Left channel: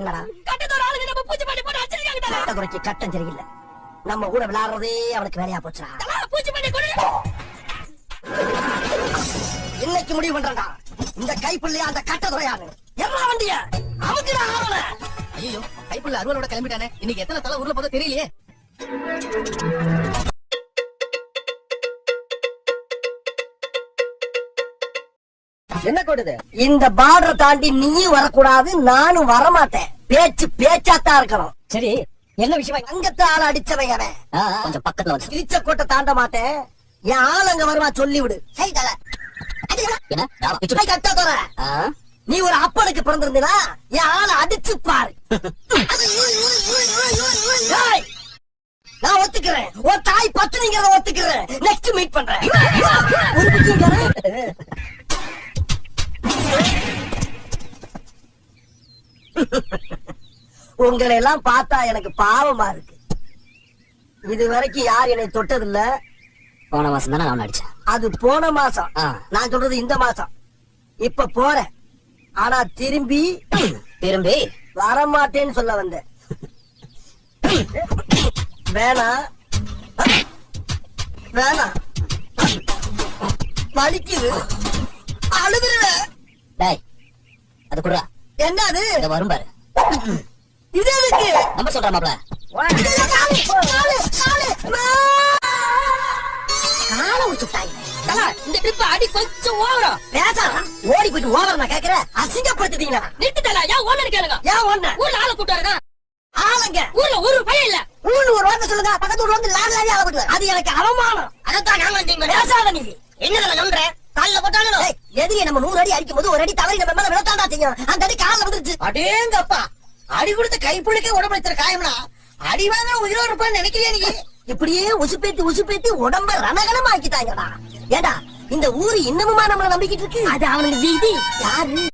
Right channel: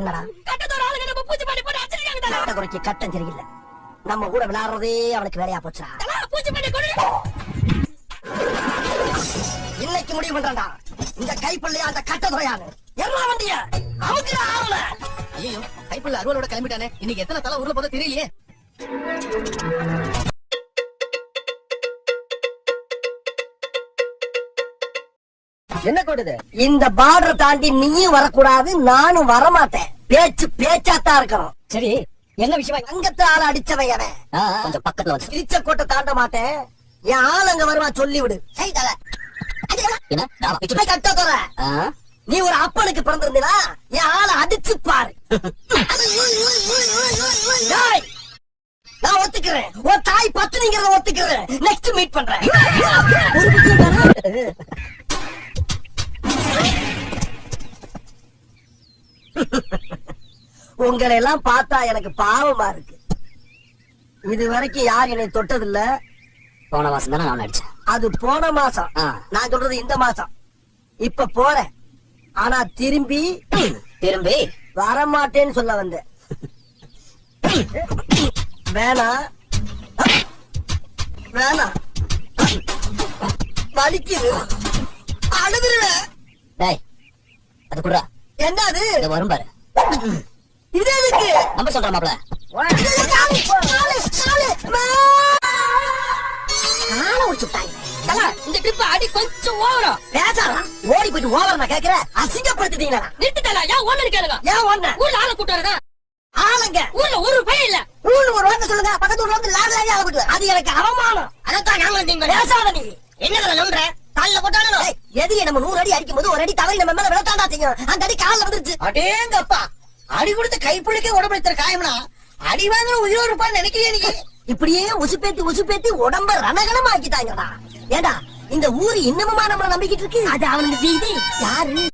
என்னடா கட்டத்தோட ஆளுங்க நம்ம பூச்சி பண்ணி போட்டு அடிச்சிருக்காங்க. கட்டதுரைக்கு கட்டம் சரியில்லை. நம்ம கூட விளையாடுறதே அவனுக்கு வேலையா போச்சுடா. பூச்சி பண்ணி கொடு. இன்னைக்கு முடிவு பண்றடா. இந்த கைப்பிள்ளையா அந்த கட்டதுரையானு எல்லா வண்டிய அவங்க ஆவல. ஐயோ கைப்பிள்ளை அருவலோட கிளம்பிட்டானே. இன்னைக்கு எத்தனை தலை ஊர்ல போதா தெரியலையே. என்ன கொடுது? இந்த பார்டரை தாண்டி நீயும் வரக்கூடாது, நானும் வரமாட்டேன். பேச்சு பேச்சாத்தான் இருக்கணும். சரி, என்ன விஷயம்? அங்கத்து ஆள அடிச்சவன் அவன். கொஞ்சம் பக்கத்துல வந்து கிழிச்ச கோட்டை தாண்ட மாட்டேன். என் ஆள் அங்க வருவா, சொல்லி விடு. நீ ஒரு அப்பனுக்கு பிறந்திருந்தீனா என் ஆளை அடிச்சு பாரு. நான் ஒத்துக்கிறேன். ஒரு தாய் பத்தினிங்கிறத ஒத்துக்கிறேன். நெக்ஸ்ட் மீட் பண்றேன். உங்களை எல்லாம் பார்த்தா எனக்கு பாவமா இருக்கு. இது வரைக்கும் யார் என்னை தொட்டதில்ல. போன மாசம் தானே நான் அடிச்சேன். அது போன மாசம். நான் சொல்றது இந்த மாசம். இப்ப போறேன், ஆனா திரும்பி வரமாட்டேன்னு சொல்ல வந்தேன். வேணாம் வேணாம், வலிக்குது, அழுதுருவேன். அது குடுறா. என்ன அது? வரும் பாரு. இது எதுக்கு? நம்ம சொல்ற மாப்ள. இந்த ட்ரிப் அடி கொஞ்சம் ஓவரம். பேசாதான் ஓடி போயிட்டு ஓவரம் நான் கேட்கிறேன். அசிங்கப்படுத்திட்டீங்களா? நிறுத்திட்டா. ஏன் ஒண்ணு கேளுங்க. ஏன் ஒண்ணு? ஊர்ல ஆளை கூட்டு வரதா? ஆளுங்க ஊர்ல ஒரு பையன் இல்ல. ஊர்ல ஒரு வார்த்தை சொல்லுங்க. பக்கத்து ஊர்ல வந்து லாரி லாரி ஆளை கூட்டு. அது எனக்கு அவமானம். அதான் நாங்க வந்தீங்க. பேசாத நீ. என்னடா நம்புற? கால்ல போட்டாலும் எதுக்கு நம்ம 100 அடி அடிக்கும் போது ஒரு அடி தலை நம்ம மேல விழத்தாண்டா செய்யும். அந்த அடி கால்ல வந்துருச்சு. அடேங்கப்பா, அடி கொடுத்து கைப்பிடிக்க உடம்புல காயம்னா அடி வாங்க உயிரோடு இருப்பான்னு நினைக்கிறியா நீ? இப்படியே உசுப்பேத்தி உடம்ப ரணகலமா ஆக்கிட்டாங்கடா. ஏண்டா இந்த ஊரு இன்னமுமா நம்மள நம்பிக்கிட்டு இருக்கு? அது அவனுக்கு வீதி. யாரு?